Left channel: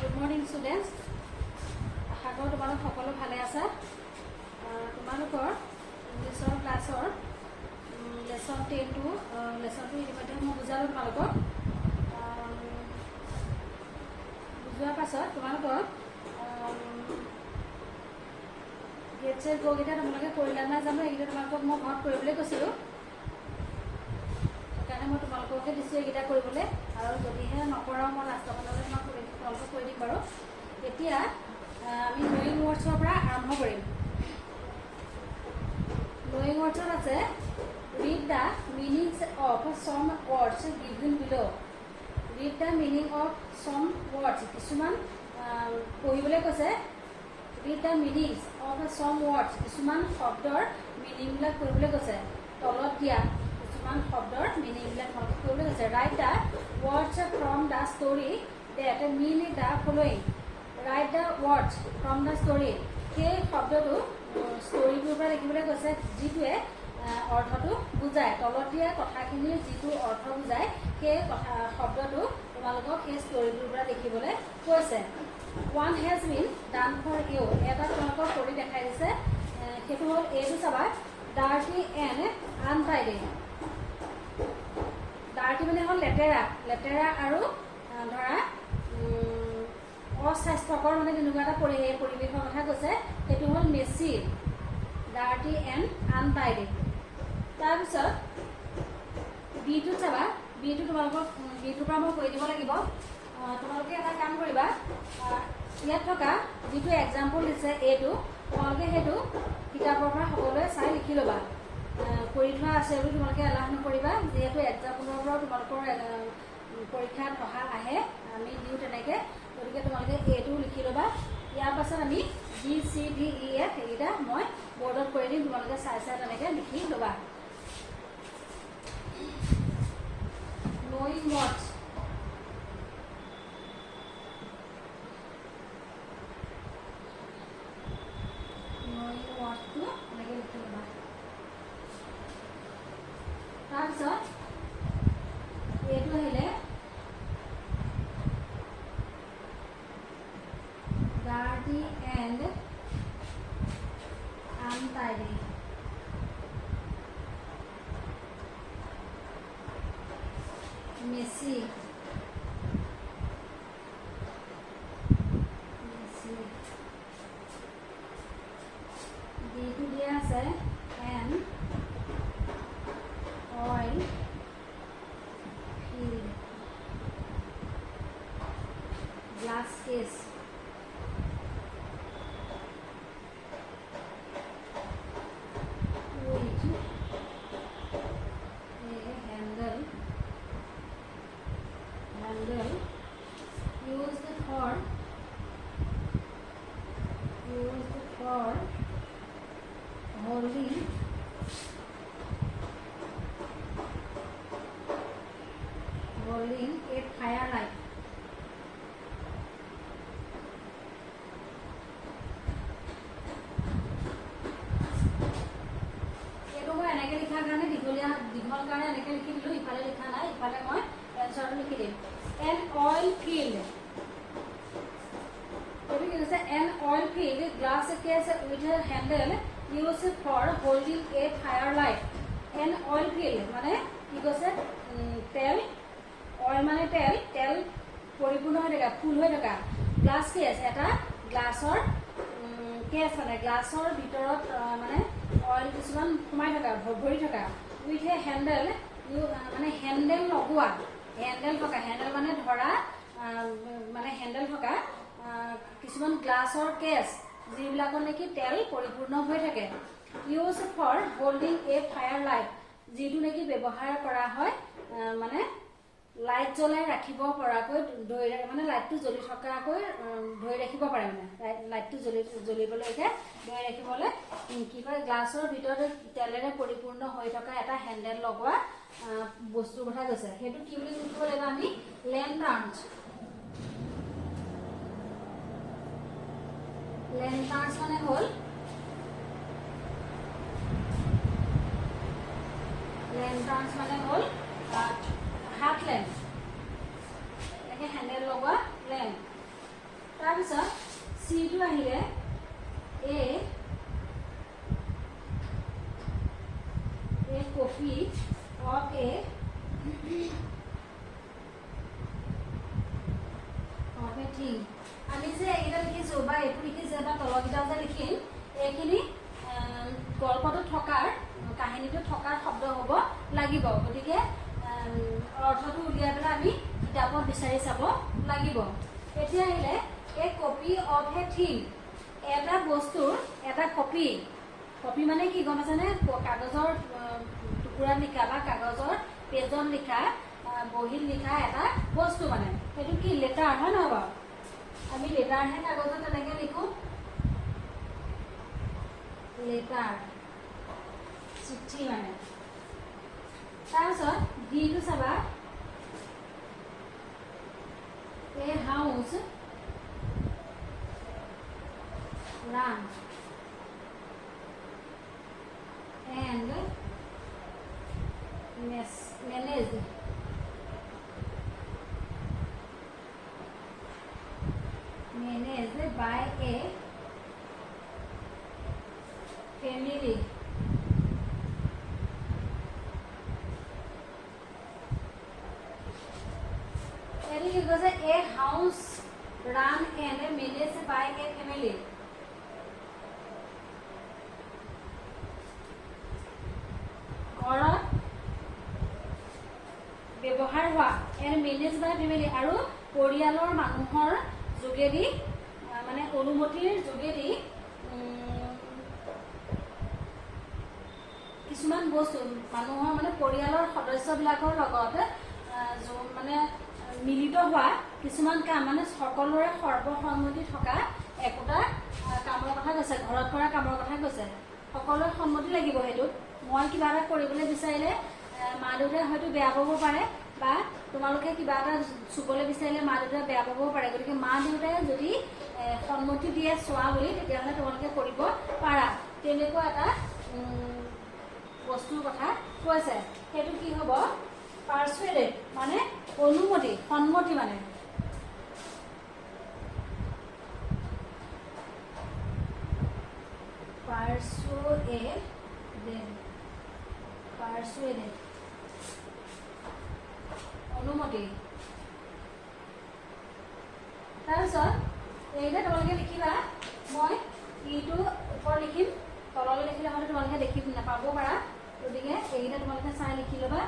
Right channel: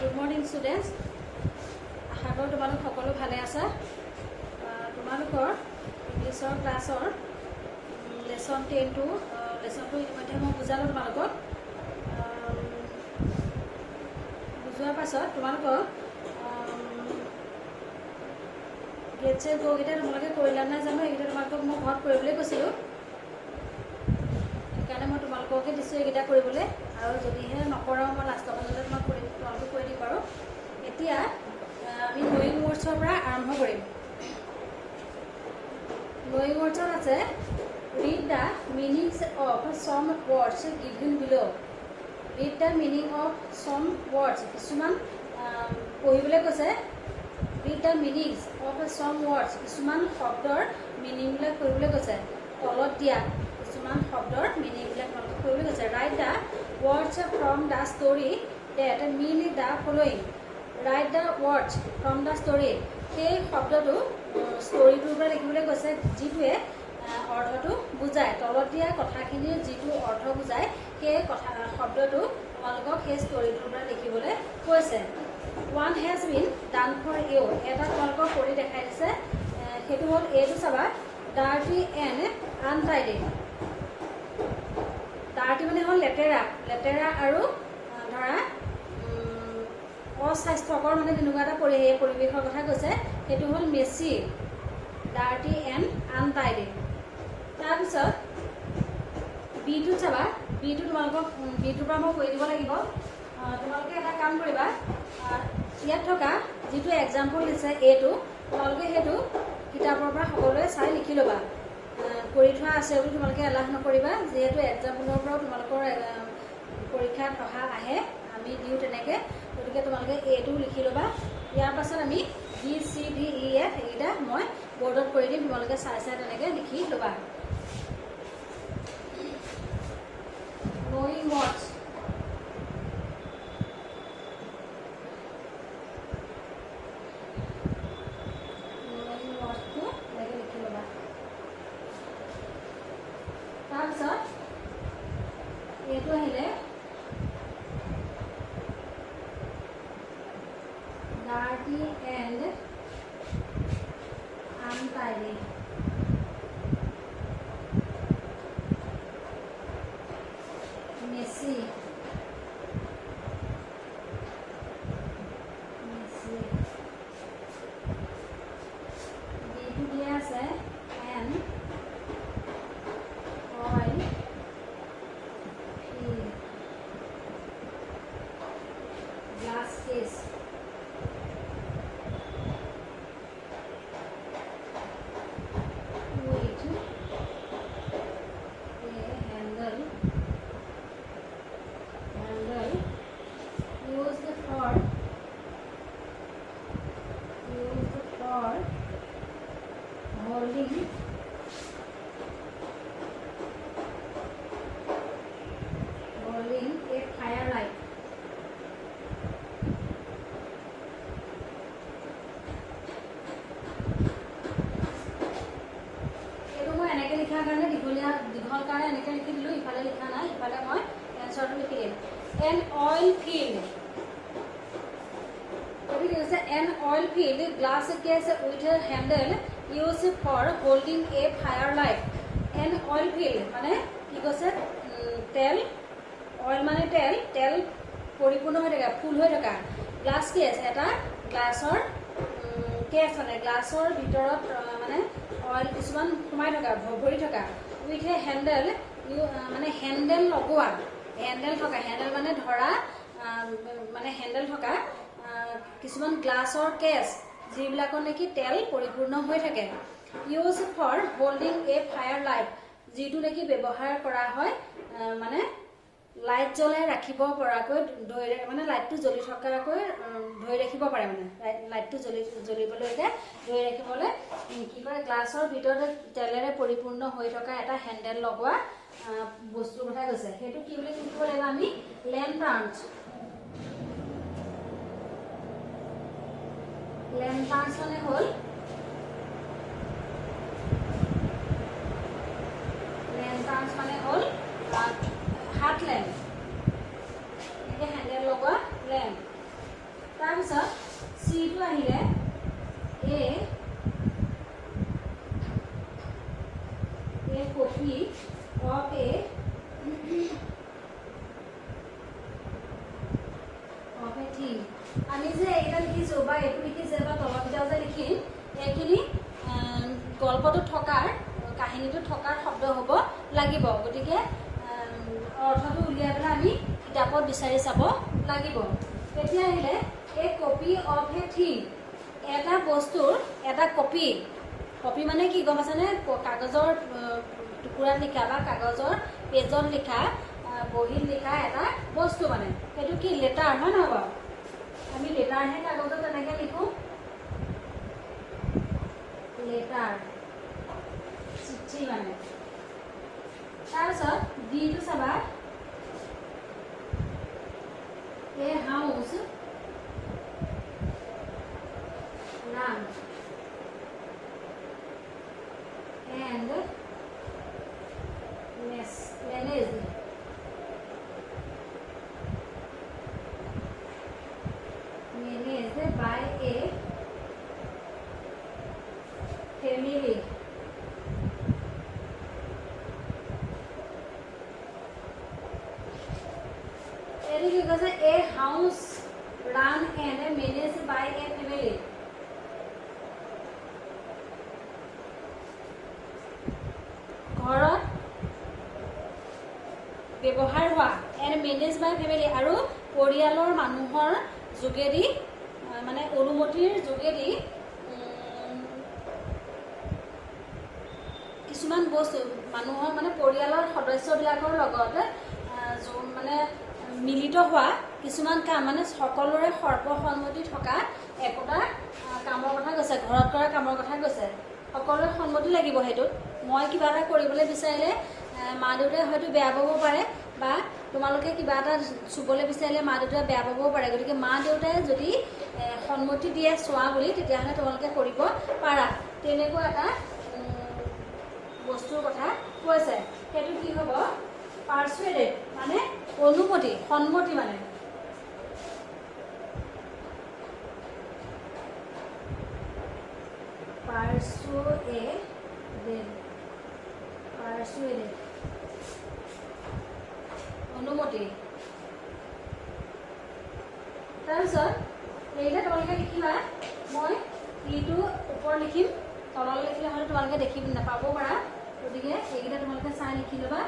Good morning students. আশা কৰোঁ তোমালোক সকলো ভালে আছা। তোমালোকৰ ইংলিছৰ ক্লাছৰ লেসন 10 টু লেসনটো ইতিমধ্যে মই বুজালোঁ তোমালোকক। বুজোৱাৰ পাছত তোমালোকক গেট চেট গ'কেইটা তোমালোকে কৰিলা নাই জানো, এইকেইটা তোমালোকক মই ঘৰত কৰিবলৈ কৈছিলোঁ, সেইকাৰণে মই তোমালোককে দিছোঁ এইকেইটা কৰিবলৈ। আৰু যদিহে নকৰাও মই লাষ্টৰ মাজতে তোমালোকক কৰি দিম বাৰু। এতিয়া আমি নয়িং ৱৰ্ডছৰ পৰা আৰম্ভ কৰিম। নয়িং ৱৰ্ডছত আছে read the meanings of some words given below. Read the meaning of some words, কিছুমান পঢ়িবলৈ কৈছে। Read the meanings of some words, কিছুমান শব্দৰ মিনিংবিলাক কৰিবলৈ কৈছে। তলত দিয়া কিছুমান শব্দৰ মিনিংবিলাক তোমালোকক কৰিবলৈ কৈছে। Write the words from the story that mean the following. Write the words from the story, সেই শব্দটো ষ্টৰিটোৰ পৰা লিখিবলৈ কৈছে, যিটোৱে অৰ্থটো বুজায়। তলত দিয়া কথাখিনিৰ যিটো অৰ্থ বুজায় সেই শব্দটো তোমালোকক সেই ষ্টৰিটোৰ পৰা লিখিবলৈ কৈছে। One has been done for you, এটা তোমালোকক কৰি দেখাই দিছে, সেইটো হ'ল এইটো চাবা, ডাৰ্টি এণ্ড আনটাইডি। ডাৰ্টি মানে হ'ল লেতেৰা, লেতেৰা আৰু ধৰা অস্বাস্থ্যকৰ, মানে তেনেকুৱা এটা পৰিৱেশৰ কথা কৈছে, সেইটো হ'ল মেচি। Dirty and untidy. তাৰপিছত বিটোত চাবা, বিটো তোমালোকক বিটোৰ পৰা মই কৈ দিব লাগিব। তোমালোকে এটা কাম কৰিবা, ইয়াত থকা যিটো এক্সাম্পল দিছে এইটো, তোমালোকে সেইটো কিতাপৰ পৰা সকলোৱে চাই লিখি ল'বা। কৰি থোৱা আছে বুলি তোমালোকে এলাহ নকৰিবা, যিহেতু এক্সাম্পলৰ পৰাও তোমালোকৰ পৰীক্ষাত অহা আহে, আমি দিওঁ তেনেকৈ, গতিকে তোমালোকে এইটো লিখি ল'বা। ইয়াৰ পাছত আমি BCDEF এইকেইটা মই বৰ্ডত কৰি দিম, তোমালোকে চাই চাই তেনেকৈ লিখি ল'বা। নয়িং ৱৰ্ডছ, নয়িং ৱৰ্ডছটো এনেকৈ লিখি ল'বা। তাৰপিছত এইটো আহিলে dirty and untidy. Messy, messy. বিটো দিয়া আছে an oil fill. Glass case, with a handle, handle used for holding a fire light. এনেকৈ লিখাৰ কাৰণে দীঘল কাৰণে এনেকৈ লিখি দিলোঁ, ইফালে লিখা নাই, ইফালে মই এনচাৰটো লিখি দিম। এন অইল ফিল্ড, এইটো কি কৈছে, an oil filled glass case with handle use for holding a fire light. An oil filled মানে কি কৈছে, তেল, অইল মানে তেল, তেল পৰিপূৰ্ণ হৈ থকা, ফুল হৈ থকা। গ্লাছ কেছ, এটা গ্লাছৰ কেছ, মানে গ্লাছৰ ভিতৰত মানে অইল কিছুমান সোমাই থকা, ভৰি থকা। উইথ এ হেণ্ডেল, মানে হেণ্ডেল লগোৱা, হেণ্ডেল থকা, হেণ্ডেল মানে ধৰা, মানে হেণ্ডেল থকা কিছুমান গ্লাছৰ কেছ, যিবিলাকৰ নেকি তেল পৰিপূৰ্ণ হৈ থাকে। Use for holding a fire light, যিটো নেকি ব্যৱহাৰ কৰা হয় মানে লাইট জ্বলাই ৰাখিব পৰাকৈ, মানে লাইটটো জ্বলি থকাকৈ ধৰি ৰাখিব পাৰে, মানে লাইটটো জ্বলিবলৈকে ধৰি ৰাখিবলৈ কি কৰে, গ্লাছৰ ভিতৰত তেলেৰে পৰিপূৰ্ণ হৈ থকা এটা হেণ্ডেল লগোৱা বস্তুৰ কথা কৈছে। সেইটো কি বুলি লিখিব লাগিব আমি, লেণ্টাৰ্নছ। লেণ্টাৰ্নছ মানে হ'ল, লেণ্টাৰ্নছ মানে হ'ল হাত লেম্প, এনেকৈ হেণ্ডেল লগোৱা লেম্প। তাৰপিছত চিটো আহিলে a copy of a thing. আমি যে এটা লিখিছো বা এইটো লিখিছে বা তলকিটাও যে লিখিম এইখিনি গল্পটো থকাৰ কাহিনীটো থকাৰ শব্দ হ'ব লাগিব গতিকে অৰ্থটো উলিয়াই পেলাই আমি কিতাপত বিচাৰি চাব লাগিব এতিয়া আহিলে এ কপি অফ এ থিং এটা বস্তুৰ এটা কপি কপি মানে কি গম আছেনে কাগজৰ টুকুৰাত লিখা বা কাগজৰ পেজত লিখা বহীত লিখা এটা বস্তু মানে সেইটো কি লেটাৰ হয় নহয় বাৰু আমি লেটাৰহে কাগজত তেনেকৈ লিখোঁ লেটাৰ চিঠি মানে তাৰপিছত ডিটো চাবা এ house run and managed by a family because a house run and managed by a family ঘৰত ব্যৱহাৰ হোৱা এণ্ড মেনেজ বাই ফেমিলি আৰু পৰিয়ালৰ মানুহৰ যোগেদি মানে অনুমতিৰ যোগেদি কিছুমান বস্তু মানুহৰ মানে পৰিয়ালৰ সদস্যবিলাকৰ লগত মানে মিলিত হোৱা কিছুমান কাম মানে সকলোৰে সৰ্বসন্মতি থকা একোটা কামৰ কথা কৈছে ঘৰত কৰা কামৰ কথা কৈছে সকলোৰে সন্মতি লাগিব সেইটোত মই কিবা এটা কৰিবলৈ বিচাৰিলে মা দেউতাই হয়তো বেয়া পাব পাৰে বা তোমালোকে কিবা এটা চুবলৈ বিচাৰিলে মা দেউতাই বেয়া পাবও পাৰে গতিকে মা দেউতাই যদি সন্মতি দিয়ে চোৱা বুলি তেতিয়াহ'লে তোমালোকে কৰিব পাৰা তেনেকুৱা এটা বস্তুৰ কথা কৈছে সেইটো কি হ'ব পাৰ্চুৱেডেড মানে অনুমতি সন্মতি মানে পাৰ্চুৱেডেড অনুমতি তাৰপিছত এইটা তোমালোকে লিখিবা মই ইটো ওপৰত লিখিম তললৈ লিখিলে হয়তো তোমালোকে দেখি নাপাব পাৰা গতিকে এইকেইটা তোমালোকে চাই লিখি ল'বা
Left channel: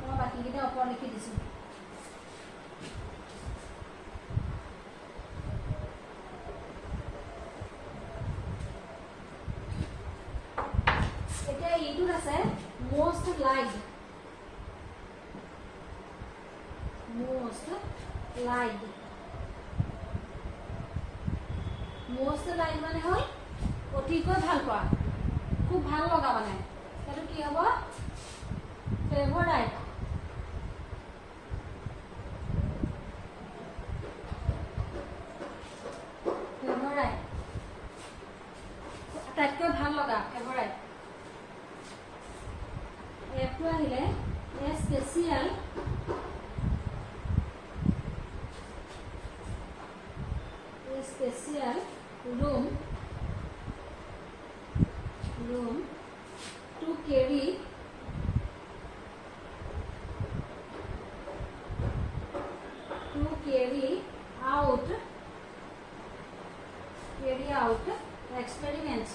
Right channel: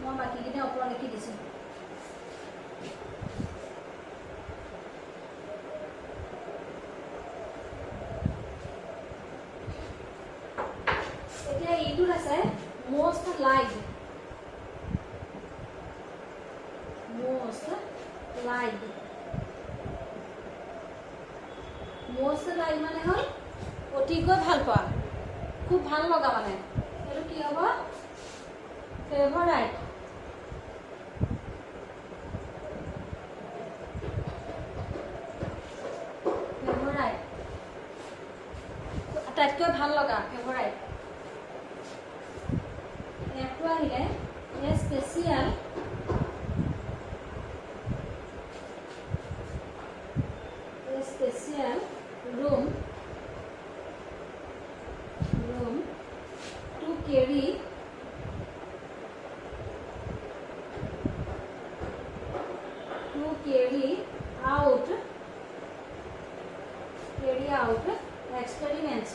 মই বাকীকেইটা ওপৰত লিখি দিছোঁ এতিয়া ইটোত আছে most liked most liked মানে হ'ল অতিকৈ ভাল পোৱা খুব ভাল লগা মানে এইটো কি হ'ব ফেভাৰাইট আটাইতকৈ ভাল লগা ফেভাৰাইট এটো আহিলে এ special room to carry out experiments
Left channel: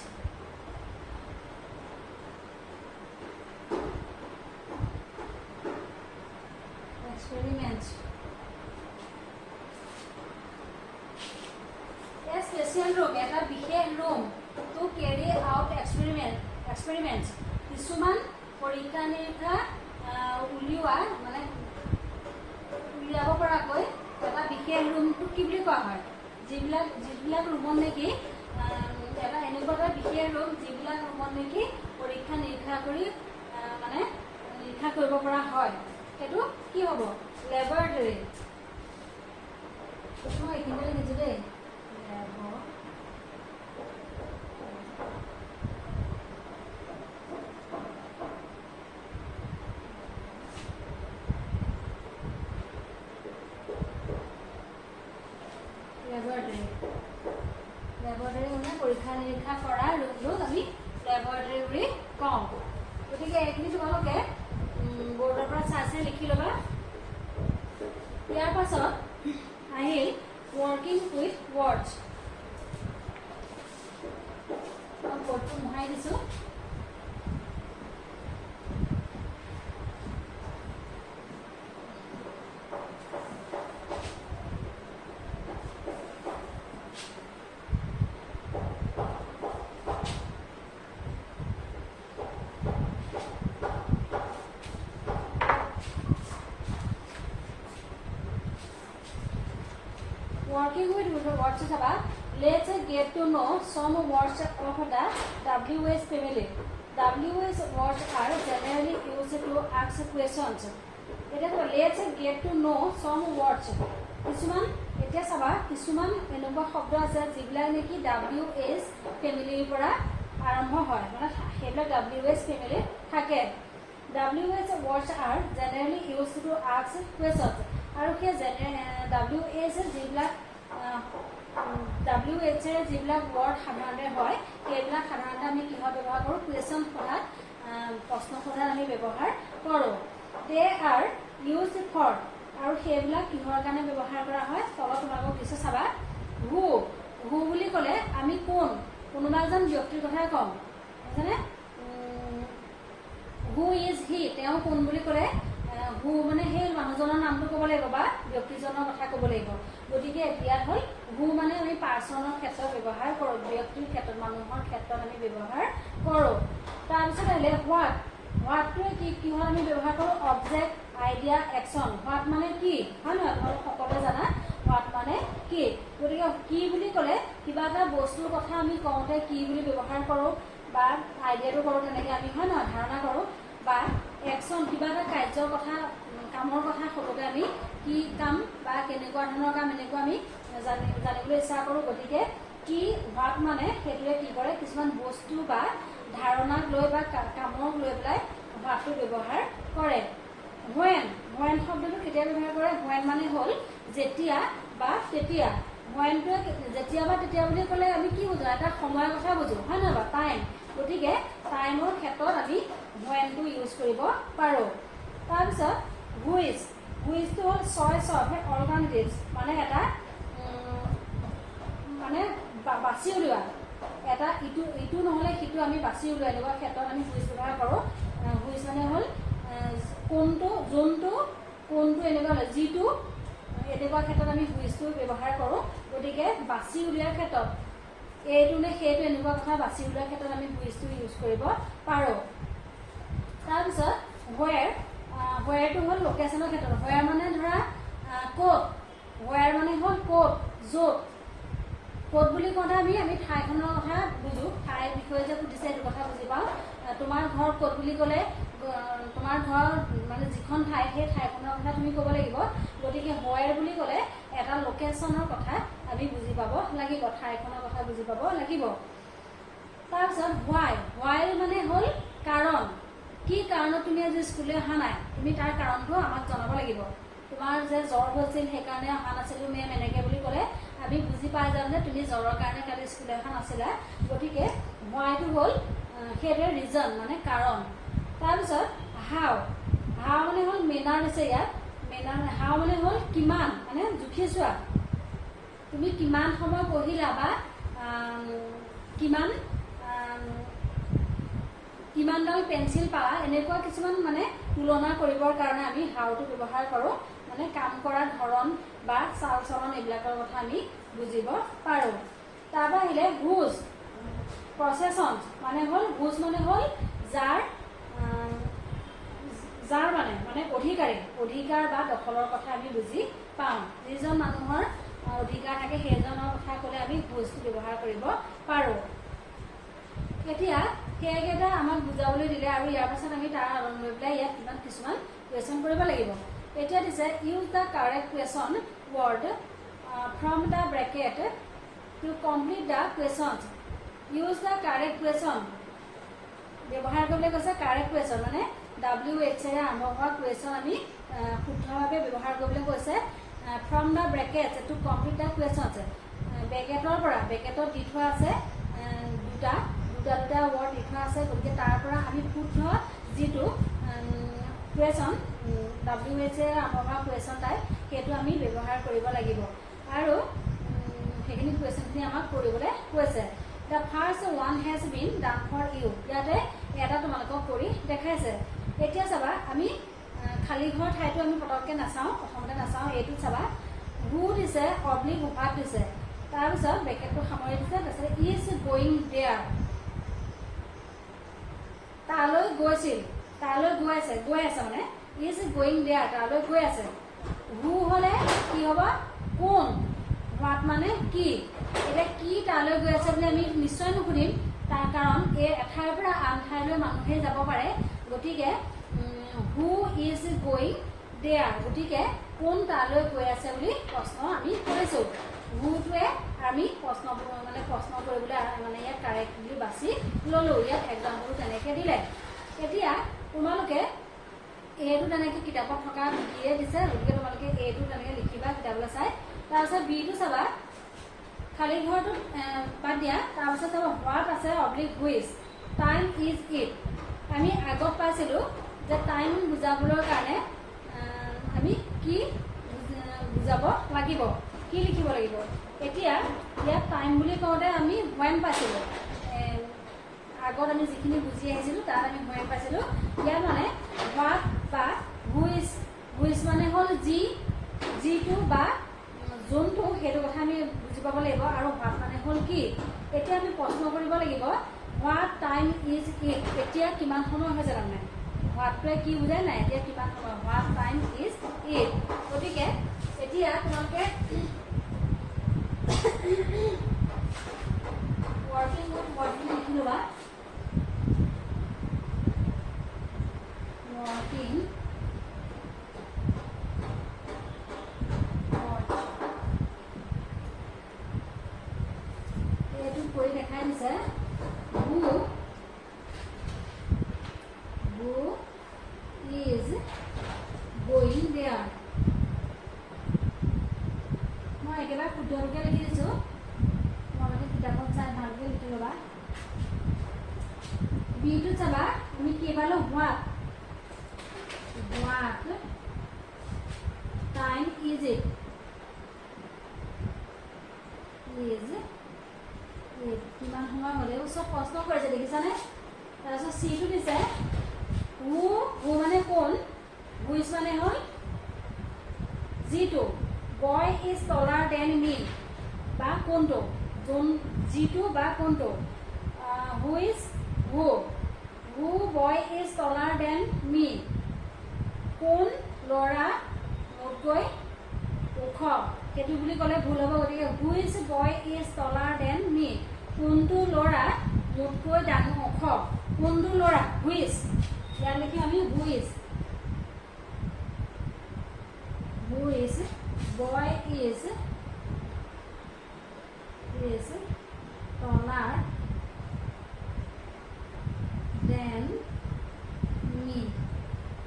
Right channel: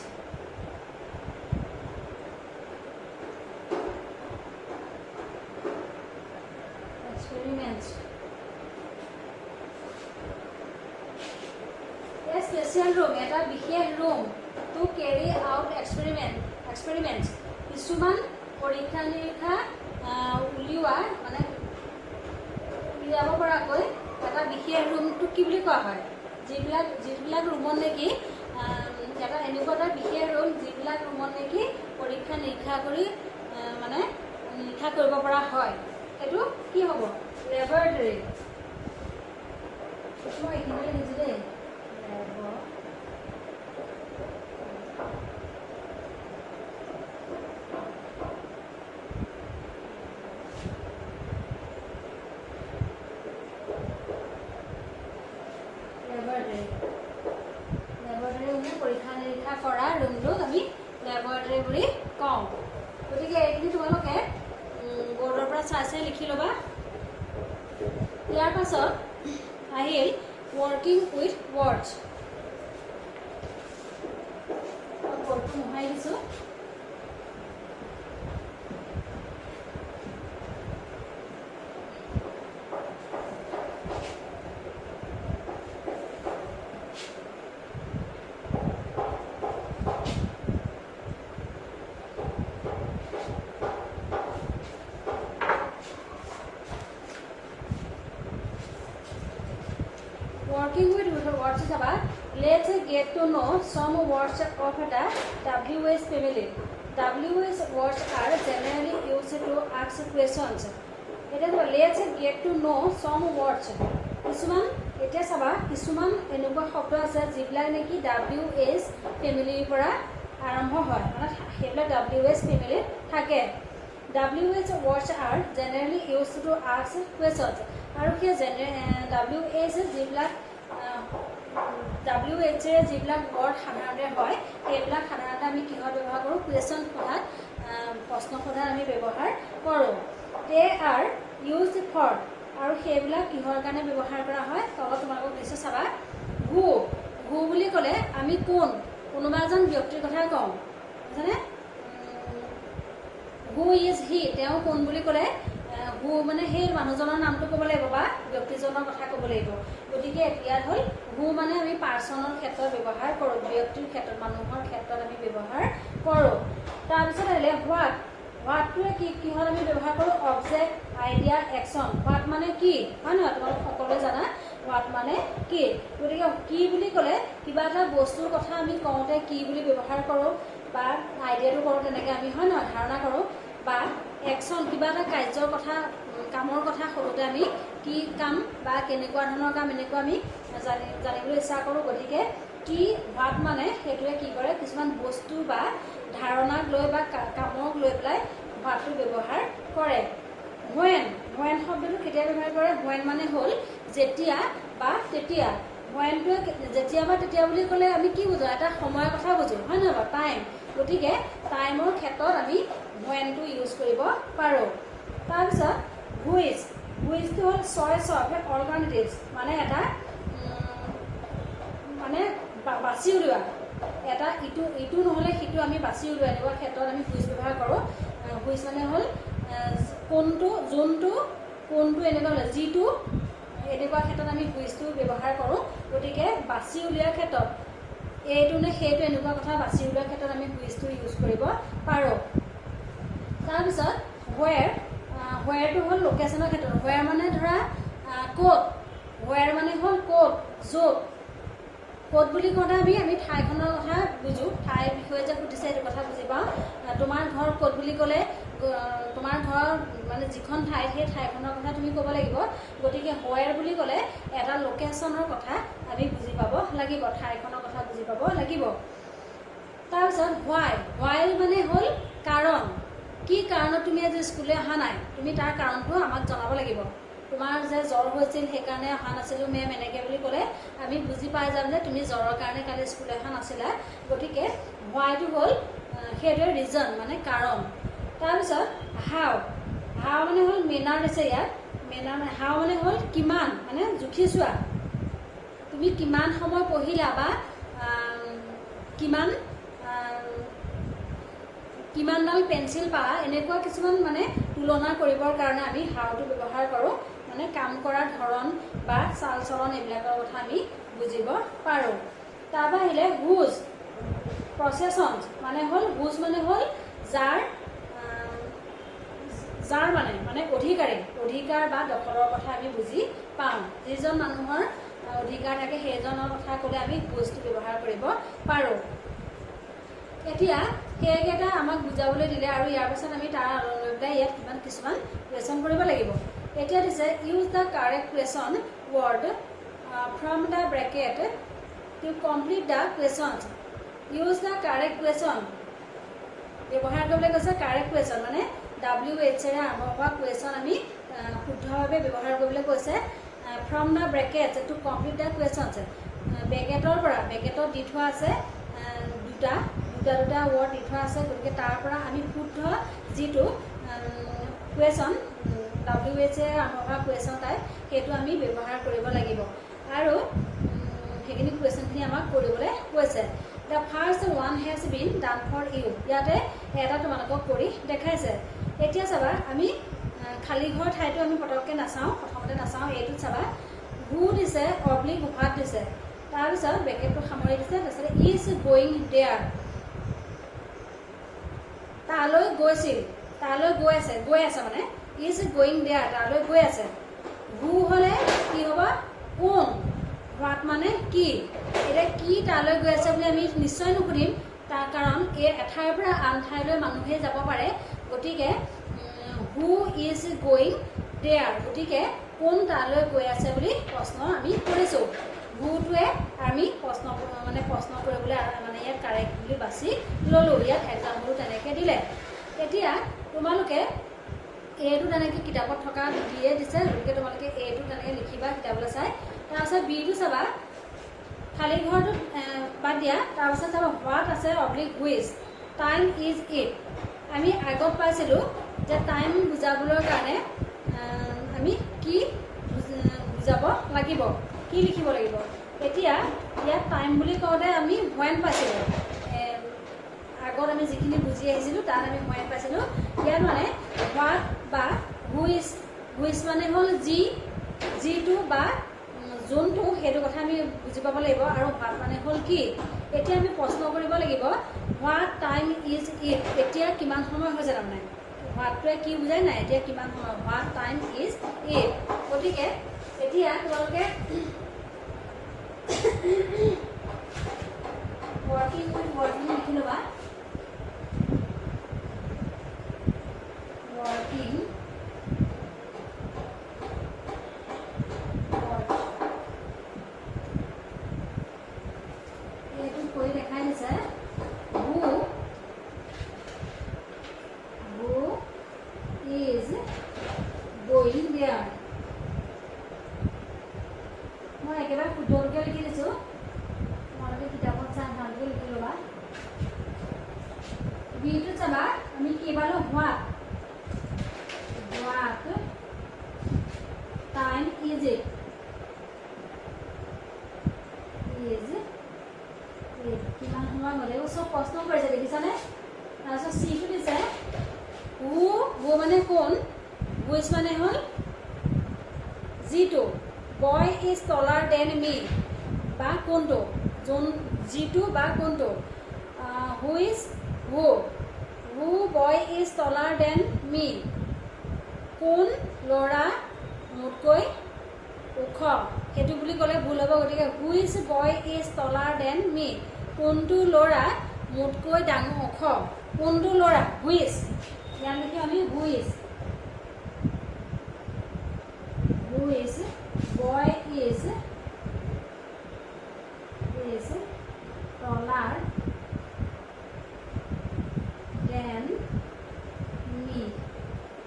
a special room এটা বিশেষ room to carry out experiments কিছুমান পৰীক্ষা নিৰীক্ষা উলিওৱা মানে উলিয়াব পৰাকৈ এটা বিশেষ ৰুমটো কি বুলি কোৱা হয় যিবিলাক ৰুমত নেকি এটা এনেকুৱা এটা বিশেষ ৰুম যিবিলাক ৰুমত নেকি পৰীক্ষা নিৰীক্ষা কৰি মানে নিৰীক্ষা কৰিব পৰা হয় সেইটো কি হ'ব লেবৰেটৰী মই এইখিনিতে লিখিছোঁ দেই লেবৰেটৰী মানে পৰীক্ষা নিৰীক্ষা কৰা ৰুমটোক আমি লেবৰেটৰী বুলি কওঁ গতিকে এইখিনি তোমালোকে বৰ্ডৰ পৰা চাই লিখি ল'বা ইয়াৰ পাছত আহিল ৱৰ্কিং উইথ ৱৰ্ডছ বৰ্ডটো মোহাই দিছোঁ Working with words is about let's get to know some words of the WH family. WH words are generally used to ask questions. It is let's get to know some words. কিছুমান এতিয়া চাবা কিছুমান এনেকুৱা শব্দ আছে যিবিলাক নেকি WH ফেমিলিৰ পৰা আৰম্ভ হয় মানে সেইবিলাক WH ফেমিলিত থাকে WH words are generally used to ask questions. আৰু সেই WH যিবিলাক WH যিবিলাক ৱৰ্ড সাধাৰণতে হয় সেইবিলাক সাধাৰণতে আমি কিহত ব্যৱহাৰ কৰোঁ কুৱেশ্যন সোধাত প্ৰশ্ন সোধাত আমি ব্যৱহাৰ কৰোঁ দে আৰ ইউজ ফৰ আৰু সেইবিলাক কিহৰ কাৰণে ব্যৱহাৰ কৰা হয় তলত তোমালোকক দিছে চাবা হু বুলি ক'লে আমি কোনোবা এজন ব্যক্তিৰ কথা কওঁ বুজিছানে হু ইজ হি তেওঁ কোন বুলি ক'লে হু মানে সেই মানুহজনৰ নামটো ক'ব লাগিব বা ব্যক্তিজনৰ কথা ক'ব লাগিব গতিকে ইয়াত হ'ল হু মানে আমি পাৰ্চনৰ ক্ষেত্ৰত ব্যৱহাৰ কৰোঁ ব্যক্তিৰ ক্ষেত্ৰত মানুহৰ ক্ষেত্ৰত আমি ব্যৱহাৰ কৰোঁ তাৰপিছত আহিলে হোৱাটটোৱে কিহত আমি ব্যৱহাৰ কৰোঁ অবজেক্ট আইডিয়া একশ্যন হোৱাট মানে কি হয় নহয় তোমালোক সকলোৱে জানা হোৱাট মানে কি গতিকে কি বুলি ক'লে কিবা এটা বস্তুৰ কথা আমি কওঁতে কি বুলি ব্যৱহাৰ কৰোঁ বা আইডিয়াটো কৰোঁ তেনেকৈ আমি হয় নহয় ধাৰণা কৰোঁ বা একশ্যন কিবা এটা কাৰ্যৰ কথা কামৰ কথা সোধোতে আমি কি কাম বা কেনেকুৱা ধৰণৰ কাম এনেকুৱা আমি জানিবলৈ ইচ্ছা কৰোঁ গতিকে কি হোৱাট মানে সেইটোৱে কি কৰে কিছুমান বস্তু বা ধাৰণাক লৈ বা কামক লৈ পেলাই হোৱাটটো ব্যৱহাৰ কৰে হোৱেন শব্দটো কেতিয়া ব্যৱহাৰ কৰে হোৱেন মানে হ'ল যেতিয়া বা তেতিয়া হোৱেনটোৱে যেতিয়া বা তেতিয়া বুলি ক'লে আমি কি বুজোঁ এটা সময়ৰ কথা বুজোঁ হয় নহয় বা টাইম গতিকে টাইমৰ ক্ষেত্ৰত আমি হোৱেনটো ইউজ কৰিব পাৰোঁ তাৰপিছত হুইচটো হ'ল চইচ অফ অল্টাৰনেটিভছ মানে এটা মানে বাছি উলিওৱা এটা ইটো নহ'লে সিটো আমি বাছি উলিওৱা এনেকুৱা ক্ষেত্ৰত আমি হুইচ ব্যৱহাৰ কৰোঁ হুইচ মানে হ'ল কোনটো এনেকুৱা হ'লে যিটো এনেকুৱা ক্ষেত্ৰত আমি হুইচটো ব্যৱহাৰ কৰোঁ গতিকে বাছি উলিওৱাৰ ক্ষেত্ৰত এইটো নে সেইটো এনেকুৱা কথা বাছি উলিওৱাৰ ক্ষেত্ৰত আমি হুইচটো ইউজ কৰিব পাৰোঁ তাৰপিছত হোৱেৰটো হ'ল লোকেশ্যনৰ ক্ষেত্ৰত হোৱেৰ মানে ধৰা ক'ত হোৱেৰ মানে হ'ল ক'ত ক'ত বুলি কওঁতে আমি ঠাইখনৰ কথা বুজোঁ ঠাইৰ বিষয়ে যে সুধিছে সেইটো কথা বুজি পাওঁ তোমাৰ ঘৰ ক'ত বুলি ক'লে তোমাৰ ঘৰ মানে যিখন ঠাই সেই ঠাইখনৰ কথা তুমি ক'ব লাগিব গতিকে হোৱেৰ বুলি ক'লে এটা লোকেশ্যনৰ কথা আমি বুজি পাব লাগিব ঠাইখনৰ কথা বুজি পাব লাগিব তাৰপিছত হোৱাই মানে হ'ল কাৰণ কি কাৰণত তুমি আজি স্কুললৈ অহা নাই তুমি তাৰ কাৰণটো আমাক জনাব লাগিব তোমাৰ যে জ্বৰ হৈছিল সেইকাৰণে অহা নাছিলোঁ মেম এনেকৈ বুলি ক'লে আমি বুজি পাই যাম যে তুমি জ্বৰৰ কাৰণে কালি স্কুললৈ অহা নাছিলা গতিকে হোৱাইটো হ'ল সেইটোৱে ৰিজন মানে কাৰণ তাৰপিছত হাও মানে হ'ল মেনাৰ দিছে ইয়াত হাও মানে হ'ল কিমান মানে জুখি চোৱা তুমি কিমান সময় পঢ়িলা বা কিমানডাল পেঞ্চিল পালা এনেকুৱা কিছুমান মানে তুলনা কৰিবৰ কাৰণে আমি হাওটো ব্যৱহাৰ কৰোঁ মানে কাম কৰাৰ ধৰণ বা চাল চলন এইবিলাকৰ কথা আমি বুজিব পাৰোঁ তাৰপৰা আহিলে হুজ প্ৰচেছন মানে হ'ল হুজ মানে হ'ল যাৰ মানে অধিকাৰ বা দখলৰ কথা আমি বুজি পাওঁ যিজন মানুহৰ অধিকাৰ থাকে সেইজনৰ কথা ক'লে আমি হুজটো ব্যৱহাৰ কৰিব পাৰোঁ এতিয়া সেইকেইটা আমাক বুজাবলৈ দিলে আৰু ইয়াৰ পাছত আমি তাৰ লৈ পেলাই ইয়াত কিছুমান কুৱেশ্যন কৰিব লাগিব এতিয়া দিছে use the correct question word from the bracket to complete the questions use the correct question ব্যৱহাৰ কৰিবলৈ কৈছে কাৰেক্ট কুৱেশ্যন মানে WH আৰম্ভ হোৱা কুৱেশ্যন আমি শুদ্ধভাৱে ব্যৱহাৰ কৰিবলৈ কৈছে from the brackets to complete the questions. ব্ৰেকেটৰ পৰা ব্ৰেকেটত দি থোৱা আছে দুটা ৱৰ্ড দি থোৱা আছে, গতিকে তাৰ পৰা আমি শুদ্ধ যিটো কুৱেশ্যন WH অহা কুৱেশ্যন টাইপ সেইটো আমি ব্যৱহাৰ কৰিব লাগিব আৰু সেইখিনি কুৱেশ্যনখিনি আমাক কৰিবলৈ কৈছে। The first one has been done for you, ইয়াতে এটা তোমালোকক কৰি দেখাইছে। এতিয়া চাবা আমি খালী ঘৰ ঠাইটো আমি পটককৈ নাচাওঁ, প্ৰথমতে নাচাওঁ। এইটোত চাবা হু দিছে, অব্লিক হোৱাট দিছে, তাৰপিছত ব্ৰেকেটটো সামৰি দিছে, তাৰপিছত ইজ গয়িং দেয়াৰ, তালৈ গৈছিল, তালৈ গৈ আছে মানে ইজ গয়িং দেয়াৰ, তালৈ গৈ আছে। হু হ'লে কি হ'ব? কোন। হোৱাট মানে কি। এতিয়া কি তালৈ গৈ আছে বুলি আমি নিশ্চয় নুসুধিম, তাৰ কাৰণ এই এঠাইৰ পৰা আন ঠাইলৈ মানুহে যাব পাৰে, গতিকে হু ইজ গয়িং দেয়াৰ, গতিকে কোন তালৈ গৈ আছে বুলি প্ৰশ্ন আমি কৰিছোঁ। হুটোৱে আমি প্ৰশ্ন কৰিবলৈ মানে ইয়াত কাৰেক্ট বুলি বাছি ল'লোঁ। ইয়াত এক্সাম্পলটো তেনেকৈ দিলে। এতিয়া তোমালোকে এইটো তেনেকৈ কিতাপত থকা দিয়ে দিছে, গতিকে তোমালোকে এইটো তেনেকৈ লিখিবা কিতাপলৈ চাই। তাৰপিছত বিটো চাবা, খালী ঘৰটোত বাদ দিয়া, তাৰপিছত চাবা হোৱাট আছে oblique which, time is it. আমি আগত পাইছিলোঁ যে টাইম বুজাবলৈ কাৰণে আমি কি বুজাব লাগিব, কি লিখিব লাগিব। এতিয়া ইয়াত টাইম বুলি কওঁতে আমি হোৱেন পাইছিলোঁ, আগত আমি যিখিনি বুজি আহিছিলোঁ তাত আমি হোৱেন পাইছিলোঁ। ইয়াত মানে হোৱাট বা হুইচ মানে হ'ল যিটো বা যোনটো, সেইটো কথা আমি বুজি পাব লাগিব। আৰু হোৱাট মানে হ'ল কি। এতিয়া আমি প্ৰশ্ন কৰিব লাগিব হোৱাট টাইম ইজ ইট, এতিয়া কিমান সময় হৈছে, তাৰমানে হোৱাটটোৱে কি বুজাই নাই, এতিয়া কিমান সময়, হোৱাট টাইম ইজ ইট। গতিকে এতিয়া তোমালোকে ৱৰ্কিং উইথ ৱৰ্ডখিনি লিখি ল'বা। ৱৰ্কিং এইটো কৰি দেখাই দিছে। হু ইজ গয়িং দেয়াৰ, মই একেবাৰে শুদ্ধকৈ লিখি দিছোঁ, তোমালোকে কিতাপত চাই ভালকৈ লিখি ল'বা। বিটো চাবা আমি কি পালোঁ? হোৱাট টাইম ইজ ইট, কিমান সময় হ'লেও চব প্ৰশ্ন কৰিছে, দেখিছানে? তাৰপিছত চিটো দিছে হু মানে কোন, হুইচ মানে হ'ল যিটো, বয় ইজ টলাৰ দেন মি বা কোনটো, যিটো বা কোনটো, which who boy is টলাৰ than me, কোন ল'ৰা মোতকৈ ওখ, সেইটো বুলি ক'লে ভুল হ'ব। গতিকে which boy is টলাৰ than me, কোনটো ল'ৰা মোতকৈ ডাঙৰ ওখ, কোনটো ল'ৰা, হুইচ। ইয়াত লিখি আমি which boy is টলাৰ than me,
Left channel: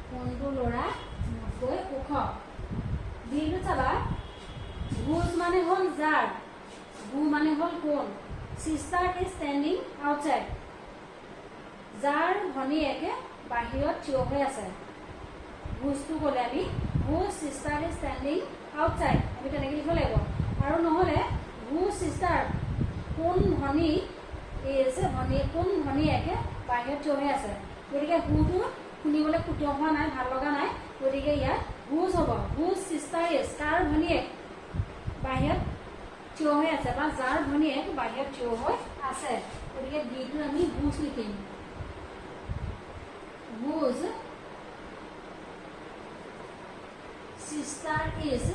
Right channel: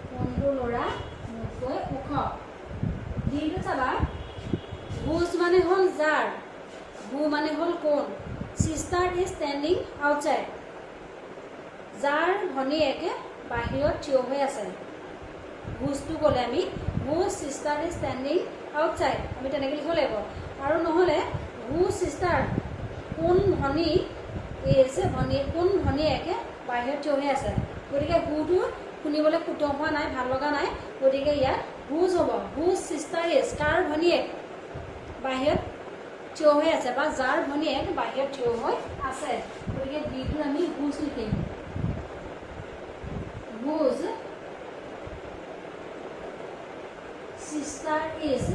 কোনটো ল'ৰা মোতকৈ ওখ। দিনটো চাবা হুজ মানে হ'ল যাৰ, হু মানে হ'ল কোন, চিষ্টাৰ ইজ ষ্টেণ্ডিং আউটছাইড, যাৰ ভনীয়েকে বাহিৰত থিয় হৈ আছে। হুজটো ক'লে আমি হুজ চিষ্টাৰ ইজ ষ্টেণ্ডিং আউটছাইড, আমি তেনেকৈ লিখিব লাগিব। আৰু নহ'লে হু চিষ্টাৰ, কোন ভনী কোন ভনীয়েকে বাহিৰত থিয় হৈ আছে। গতিকে হুটো শুনিবলৈ শুদ্ধ হোৱা নাই, ভাল লগা নাই, গতিকে ইয়াত হুজ হ'ব। হুজ চিষ্টাৰ ইজ, কাৰ ভনীয়েক বাহিৰত থিয় হৈ আছে বা যাৰ ভনীয়েক বাহিৰত থিয় হৈ আছে, গতিকে ডিটো আমি হুজ লিখিম। হুজ চিষ্টাৰ ইজ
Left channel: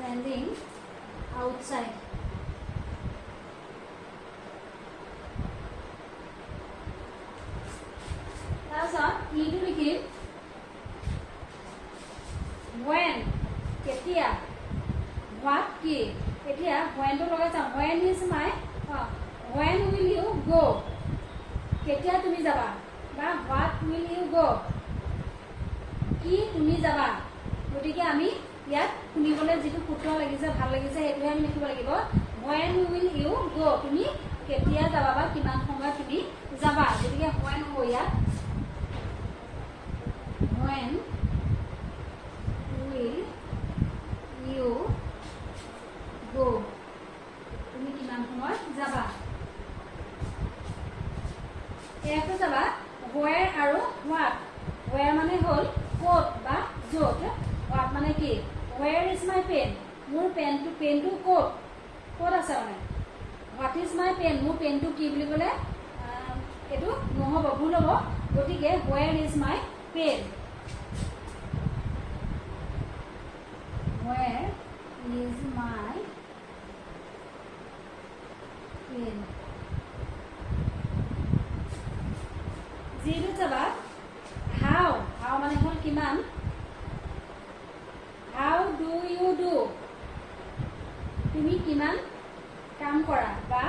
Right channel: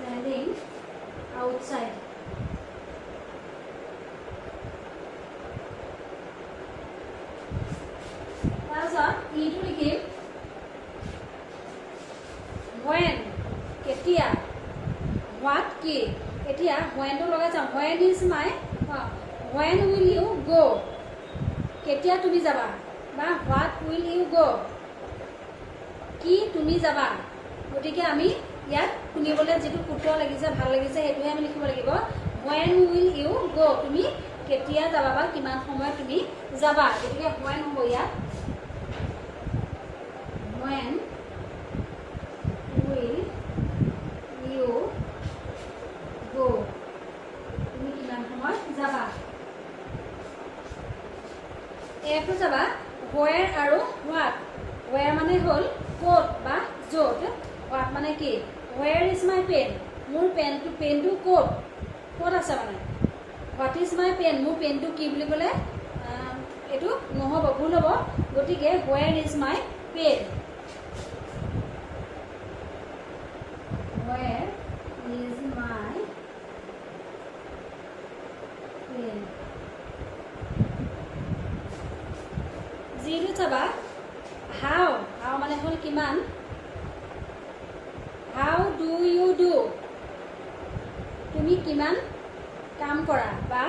standing outside. তাৰপিছত ইটো লিখিম when, কেতিয়া, what কি। এতিয়া whenটো লগাই চাওঁ, when is my when will you go, কেতিয়া তুমি যাবা বা হোৱাট উইল ইউ গ' কি তুমি যাবা গতিকে আমি ইয়াত শুনিবলৈ যিটো সূত্ৰ লাগিছে ভাল লাগিছে সেইটোহে আমি লিখিব লাগিব when will you go তুমি কেতিয়া যাবা বা কিমান সময়ত তুমি যাবা গতিকে when হ'ব ইয়াত when will you go তুমি কিমান সময়ত যাবা একটো যাবা where আৰু what where মানে হ'ল ক'ত বা য'ত what মানে কি where is my pen মোৰ পেনটো ক'ত আছে মানে what is my pen মোৰ পেনটো কি বুলি ক'লে এইটো নহ'ব ভুল হ'ব গতিকে where is my pen where is my pen যিটো চাবা how মানে হ'ল কিমান how do you do তুমি কিমান কাম কৰা বা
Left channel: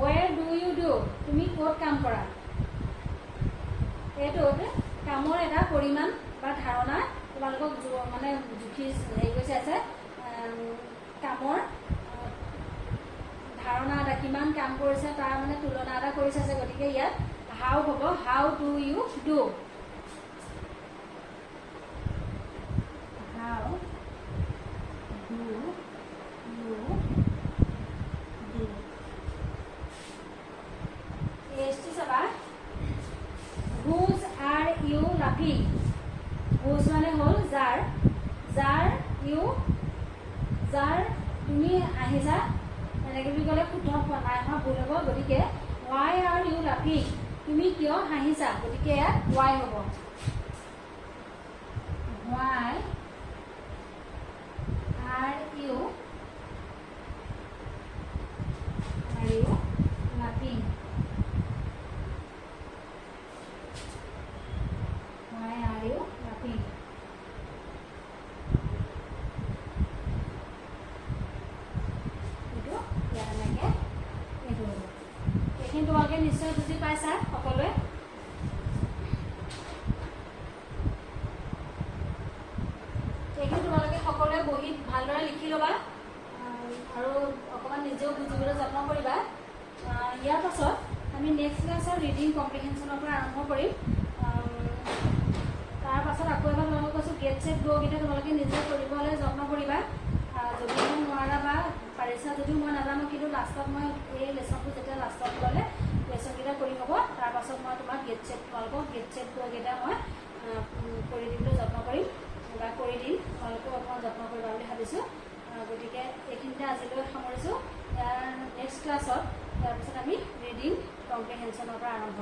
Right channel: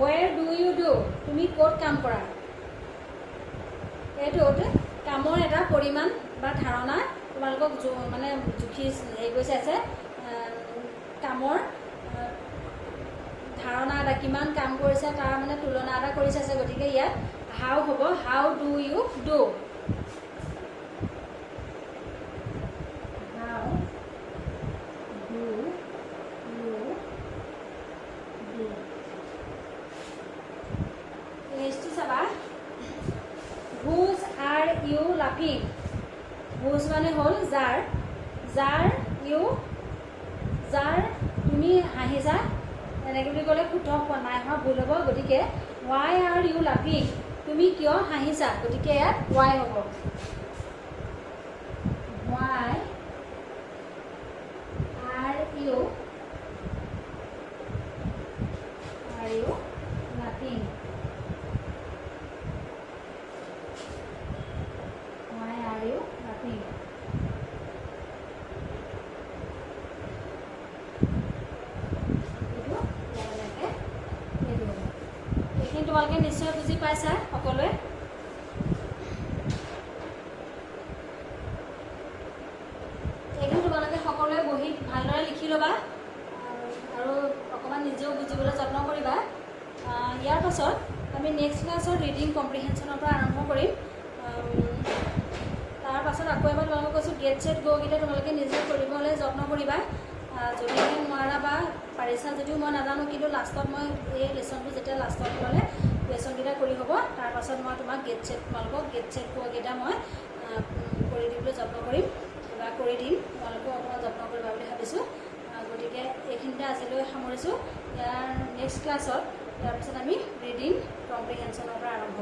where do you do তুমি ক'ত কাম কৰা এইটোত কামৰ এটা পৰিমাণ বা ধাৰণা তোমালোকক মানে জুখি হেৰি কৈছে আছে কামৰ ধাৰণা এটা কিমান কাম কৰিছে তাৰ মানে তুলনা এটা কৰিছে আছে গতিকে ইয়াত how হ'ব how do you do how do you do next চাবা whose are you laughing whose মানে হ'ল যাৰ তুমি হাঁহিছা এনেকৈ বুলি ক'লে শুদ্ধ হোৱা নাই হোৱা ভুল হ'ব গতিকে why are you laughing তুমি কিয় হাঁহিছা গতিকে ইয়াত why হ'ব why are you laughing why are you laughing এইখিনি তোমালোকে নিশ্চয় বুজি পাইছা সকলোৱে এইখিনি তোমালোকে সকলোৱে বহি ভালদৰে লিখি ল'বা আৰু অকণমান নিজেও বুজিবলৈ যত্ন কৰিবা ইয়াৰ পাছত আমি নেক্সট ক্লাছত ৰিডিং কম্প্ৰিহেনশ্যনৰ পৰা আৰম্ভ কৰিম তাৰ পাছত আকৌ এবাৰ তোমালোকক কৈছোঁ গেট ছেট গ'কেইটা তোমালোকে নিজে কৰিবলৈ যত্ন কৰিবা যদি নোৱাৰা বা পাৰিছা যদিও মই নাজানো কিন্তু লাষ্টত মই এই লেচনটো যেতিয়া লাষ্টত ল'লে লেচনকেইটা কৰি হ'ব তাৰপাছত মই তোমাক গেট ছেট গ'কেইটা মই কৰি দিবলৈ যত্ন কৰিম বা কৰি দিম তোমালোকেও অকণমান যত্ন কৰিবা বুলি ভাবিছোঁ গতিকে এইখিনিতে আজিলৈ সামৰিছোঁ ইয়াৰ নেক্সট ক্লাছত তাৰপিছত আমি ৰিডিং কম্প্ৰিহেনশ্যনৰ পৰা আৰম্ভ